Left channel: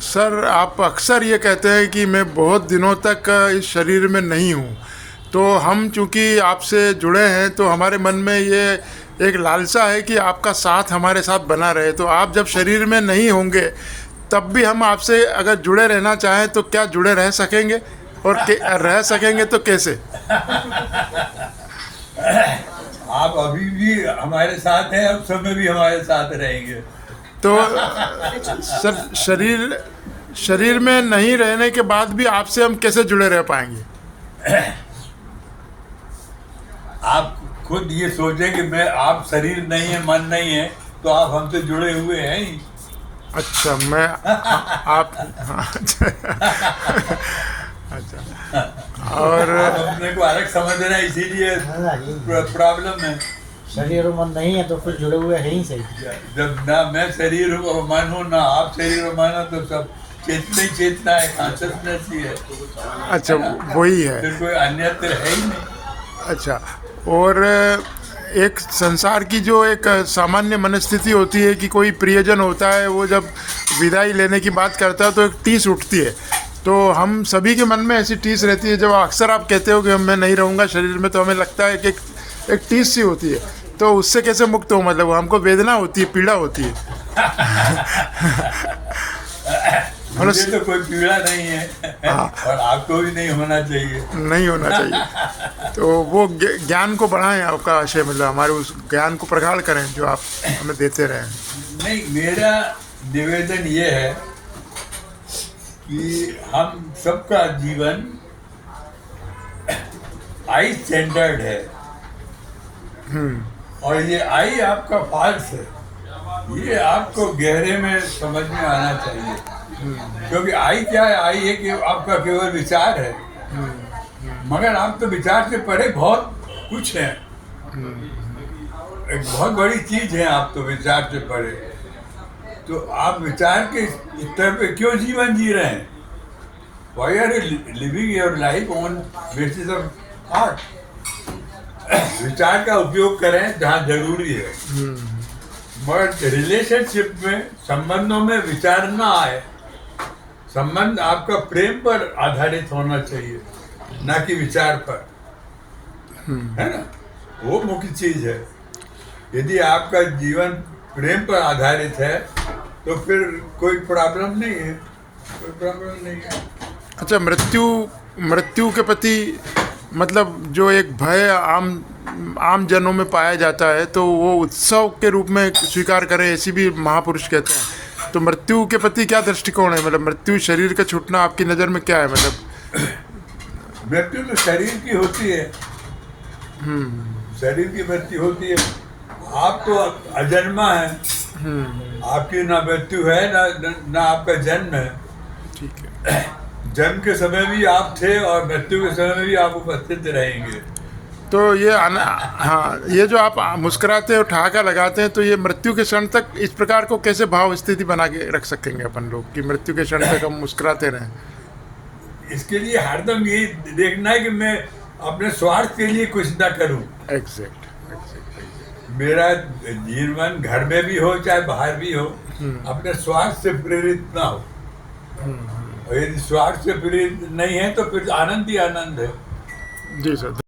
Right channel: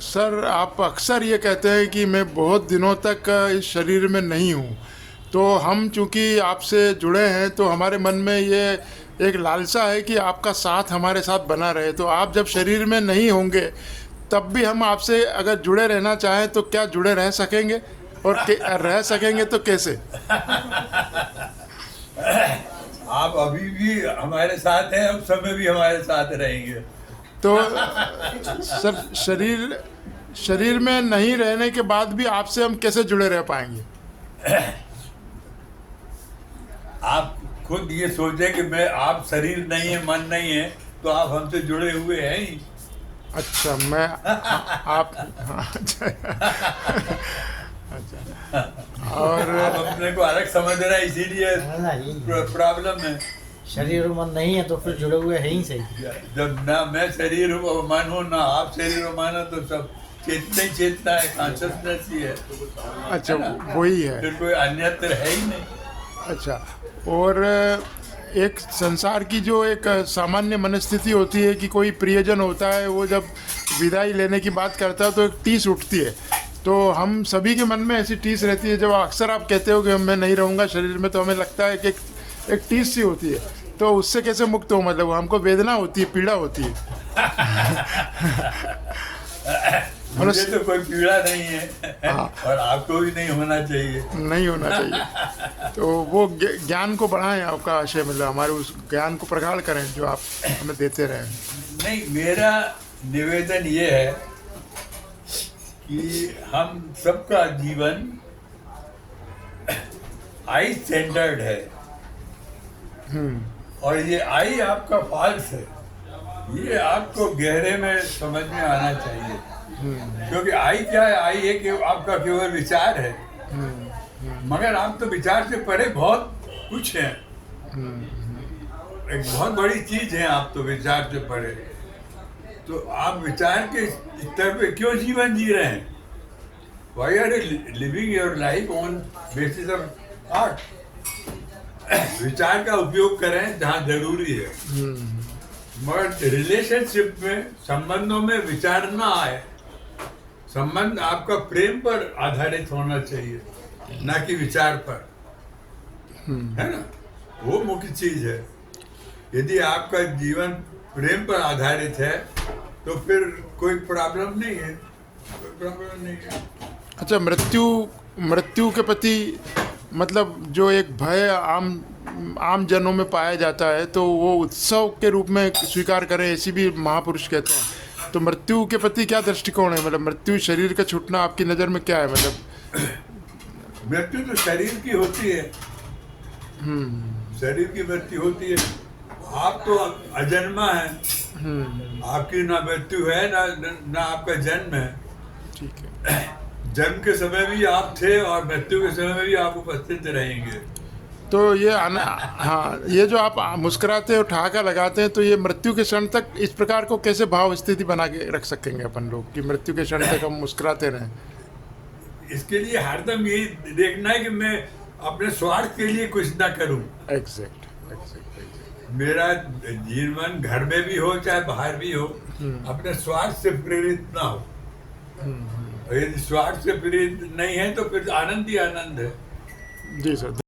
Sir, आप अक्सर ये कहते हैं कि मैं बहुत दिनों तक इस शरीर में नहीं हूँ। तो हम चूँकि आपसे जुड़े हैं तो हमारे मन में ये एक लालसा है कि आपका साथ हमारे साथ बना रहे। तो आप जब शरीर में नहीं होंगे तब भी हम आपसे अगर जुड़े रहना चाहें तो क्या जुड़े रह सकेंगे? और रह सकेंगे तो कैसे? आप अभी भी हमारे साथ हैं, अब समय भी हमारे साथ रहेंगे। तो सर, शरीर में नहीं रहने के बाद भी आपसे हम कैसे जुड़े रह पाएंगे? आप खुद ये सोचें कि मैं, आप शरीर नहीं है, मन नहीं है, तो आप हमसे जुड़े हुए हैं ही। अच्छा, मैं आप अच्छा, और आप अपने को अलग समझ रहे हैं, इसीलिए प्रॉब्लम है। शरीर और मन नहीं है तो फिर जुड़े हुए हैं ही सही। जब ना मैं शरीर हूँ और मन हूँ, ना आप शरीर और मन हो, तो सब चेतना ही चेतना है, कॉन्शियसनेस ही है। अच्छा, वही है। फिर कोई अन्य तो है ही नहीं। अच्छा, और एक संसार की जो एक सामान्य मनस्थिति होती है कि कोई प्रियजन होता है, वो जब विदाई लेने की बात करता है तो एक टीस उठती है। तो हम सभी के मन में ऐसी टीस रहती है। जब अक्सर आप कहते हो कि मैं नहीं रहूँगा शरीर में, तो हमें लगता है कि एक टीस सी होती है। तो उससे कैसे मुक्त हो? मतलब हमको वेदना होती है, पीड़ा होती है। मुझे तो कोई पीड़ा नहीं है और आपको भी नहीं होना चाहिए। नहीं होना चाहिए। तो वो ज्ञान को बढ़ाएं, आपका आशय, मतलब हमारे उस ज्ञान को प्रगाढ़ करें जो आप हमें देते रहें। नहीं, मेरा निवेदन ये है कि हम सबका जीवन आई सेंटर्ड है, और ये आई आपका फॉल्स है। ये आपको गहरे में समझ में आना चाहिए। क्योंकि आई क्या है? आई है कि आपका केवल विचार है, मगर आप तो विचार से परे बहुत कुछ है। एक बहुत बड़ी चीज है, आप तो विचार से परे। तो आप विचार के स्तर पे क्यों जीवन जी रहे हैं? Why are you living your life on basis of thought? विचार का उपयोग करें जहाँ जरूरी है, मगर रिलेशनशिप में, संबंधों में विचार ना आए। संबंध आपका प्रेम पर आधारित होना चाहिए, ना कि विचार पर, है ना? वो मुख्य चीज है। यदि आपका जीवन प्रेम पर आधारित है तो फिर कोई प्रॉब्लम नहीं है, कोई प्रॉब्लम नहीं है। अच्छा, मृत्यु के प्रति मतलब जो एक भय आम जनों में पाया जाता है, तो वो उत्सव के रूप में स्वीकार करें, ऐसी भी महापुरुष कहते हैं। तो मृत्यु के प्रति क्या दृष्टिकोण है? मतलब मृत्यु, शरीर का छूटना आपकी नज़र में क्या है? मतलब मृत्यु तो शरीर की होती है, शरीर की मृत्यु होती है। आप तो अजन्मा है, आपकी ना मृत्यु है, ना आपका जन्म है। ठीक है। जन्म के समय भी आप थे और मृत्यु के समय भी आप उपस्थित रहेंगे। तो ये हाँ, ये जो आप मुस्कुराते हैं और ठहाका लगाते हैं, तो ये मृत्यु के क्षण तक इस प्रकार को कैसे भाव स्थिति बना के रख सकेंगे अपन लोग कि मृत्यु के क्षण तक हम मुस्कुराते रहें? इसके लिए हरदम ये देखना है कि मैं अपने स्वार्थ के लिए कुछ ना करूं। एग्जैक्ट। मेरा जीवन घर में भी हो चाहे बाहर भी हो, अपने स्वार्थ से प्रेरित ना हो। और यदि स्वार्थ से प्रेरित नहीं है तो फिर आनंद ही आनंद है। जी सर।